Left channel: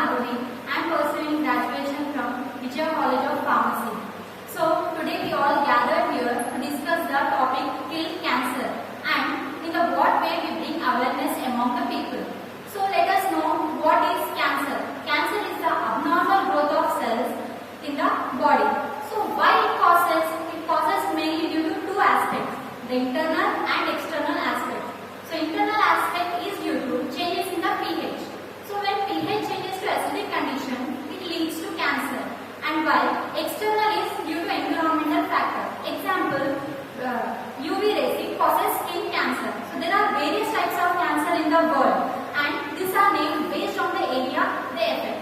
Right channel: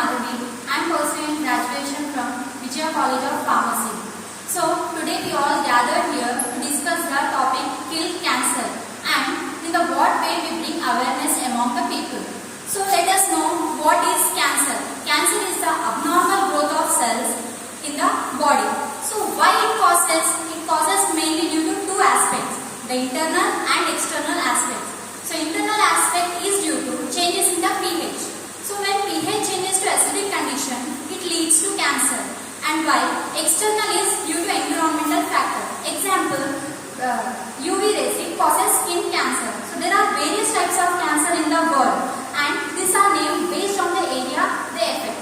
Madhuri. I am pursuing graduation from Vijaya College of Pharmacy. So today we all gathered here to discuss the topic kill cancer and in the what way we bring awareness among the people. So let us know what is cancer. Cancer is the abnormal growth of cells in the body. So why it causes? It causes mainly due to two aspects, the internal and external aspects. So internal aspect is due to changes in the pH. So when pH changes to acidic condition, it leads to cancer. And while external is due to environmental factor. Example, UV rays causes skin cancer. So there are various types of cancer in the world, and these are named based on the area they affect,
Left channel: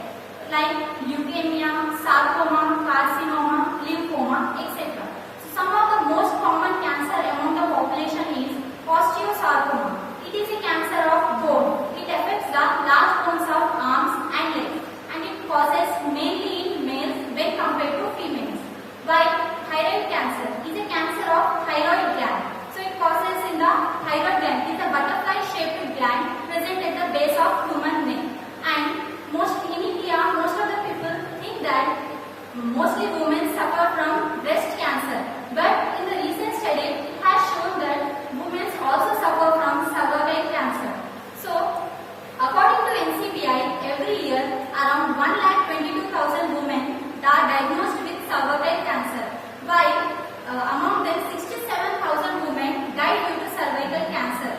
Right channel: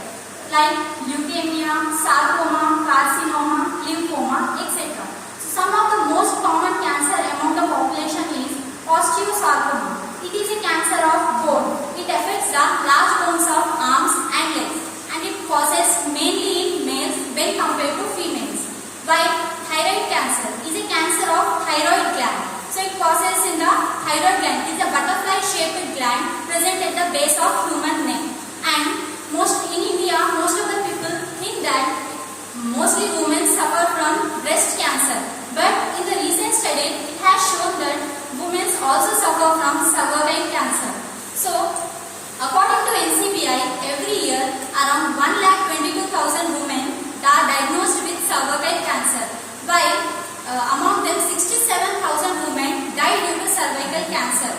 like leukemia, sarcoma, carcinoma, lymphoma, etc. So some of the most common cancer among the population is osteosarcoma. It is a cancer of bone. It affects the large bones of arms and legs, and it causes mainly in males when compared to females. While thyroid cancer is a cancer of thyroid gland. So it causes in the thyroid gland. It is a butterfly-shaped gland present at the base of human neck. And in India, most of the people think that mostly women suffer from breast cancer. But in the recent study, it has shown that women also suffer from cervical cancer. So, according to NCBI, every year around 1,22,000 women are diagnosed with cervical cancer, while among them 67,000 women die due to cervical cancer.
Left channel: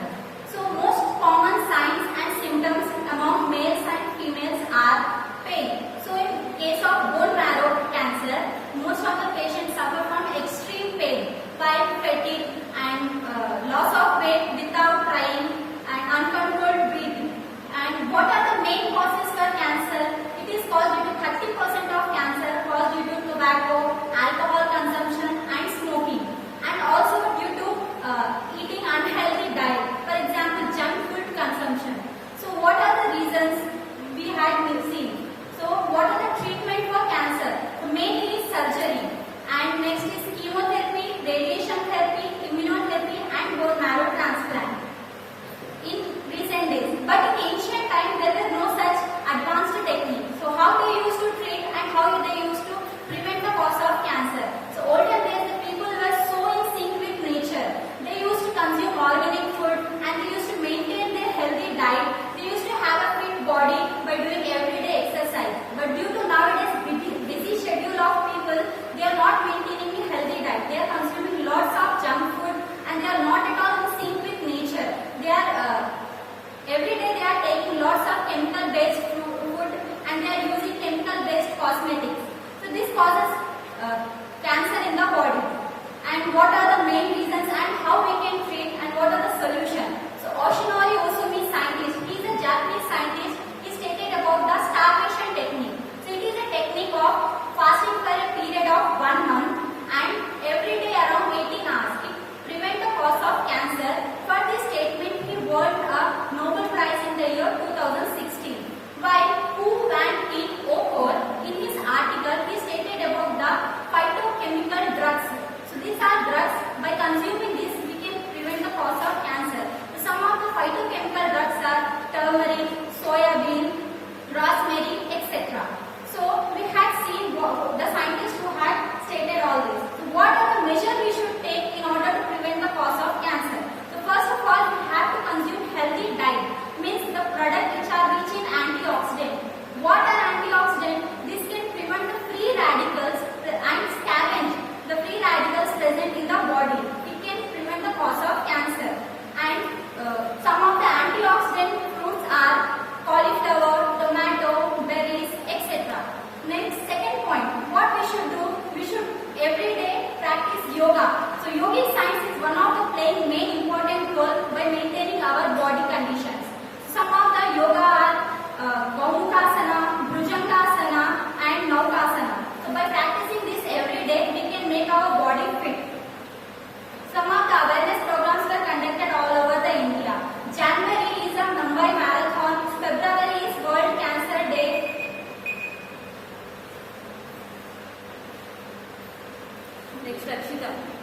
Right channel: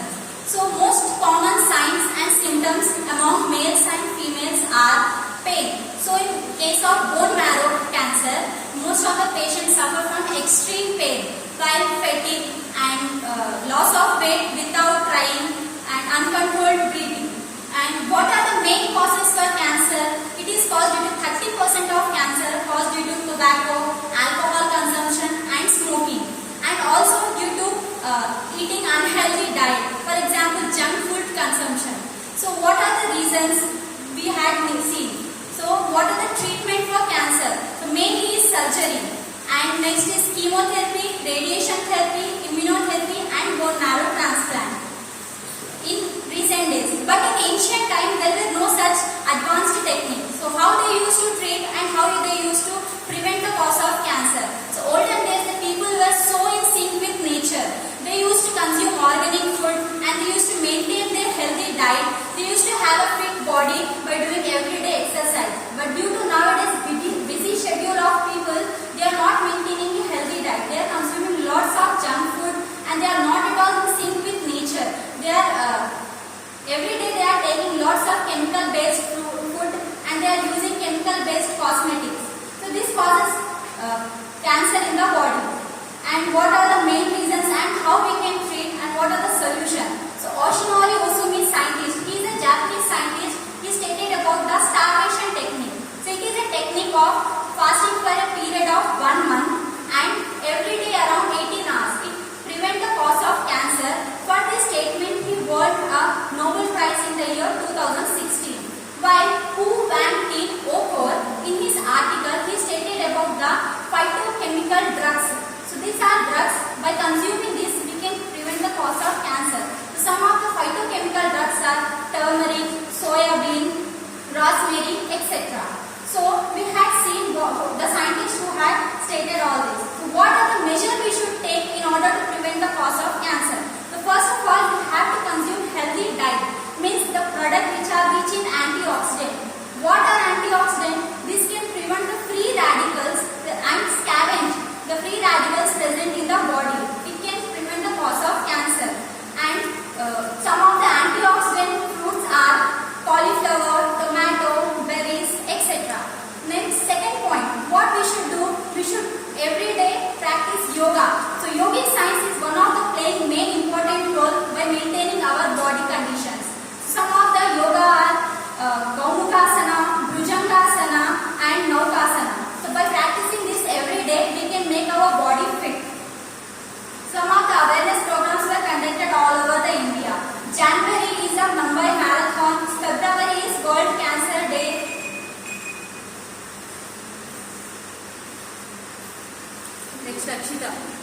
So, most common signs and symptoms among males and females are pain. So, in case of bone marrow cancer, most of the patients suffer from extreme pain, while fatigue and loss of weight without trying and uncontrolled breathing. And what are the main causes for cancer? It is caused due to 30% of cancer caused due to tobacco, alcohol consumption and smoking, and also due to eating unhealthy diet, for example junk food consumption. So what are the reasons we had seen? So what are the treatment for cancer? So mainly is surgery, and next is chemotherapy, radiation therapy, immunotherapy and bone marrow transplant in recent days. But in ancient time there were no such advanced techniques. So how they used to treat and how they used to prevent the cause of cancer? So olden days the people were so in sync with nature. They used to consume organic food and they used to maintain their healthy diet. They used to have a fit body by doing everyday exercise. But due to nowadays busy schedule of people, they are not maintaining a healthy diet. They are consuming lots of junk food and they are not at all in sync with nature. They are every day they are taking lots of chemical based food and they are using chemical based cosmetics. So this causes cancer in the body. And what are the main reasons and how we can treat and what are the solutions? So Oshinori Usumi scientist, he is a Japanese scientist. He stated about the starvation technique. So it is a technique of fasting for a period of 1 month and every day around 18 hours. It prevents the cause of cancer. For this statement, he won a Nobel Prize in the year 2016. While Hu Van T. Okor, in his article, he stated about the phytochemical drugs. So these are drugs. By consuming this, we can prevent the cause of cancer. So some of the phytochemical drugs are turmeric, soya bean, rosemary, etc. So we had seen the scientists who had stated all this. So what are the measures we should take in order to prevent the cause of cancer? So first of all, we have to consume healthy diet. Means the product which are rich in antioxidant. What are antioxidants? This can prevent the free radicals and scavenge the free radicals present in the body. It can prevent the cause of cancer. And some of the antioxidant fruits are cauliflower, tomato, berries, etc. Next, second point, what we should do? We should every day practice yoga. So yogic science is one of the playing main important role by maintaining our body conditions. Some of the yoga are Gaumukasana, Bhujangasana and Naukasana. So by practicing this every day, we can make our body fit. Some of the awareness programs were conducted all over the India. January is a Mumbai Marathon. February is World Cancer Day. Next, Akshita.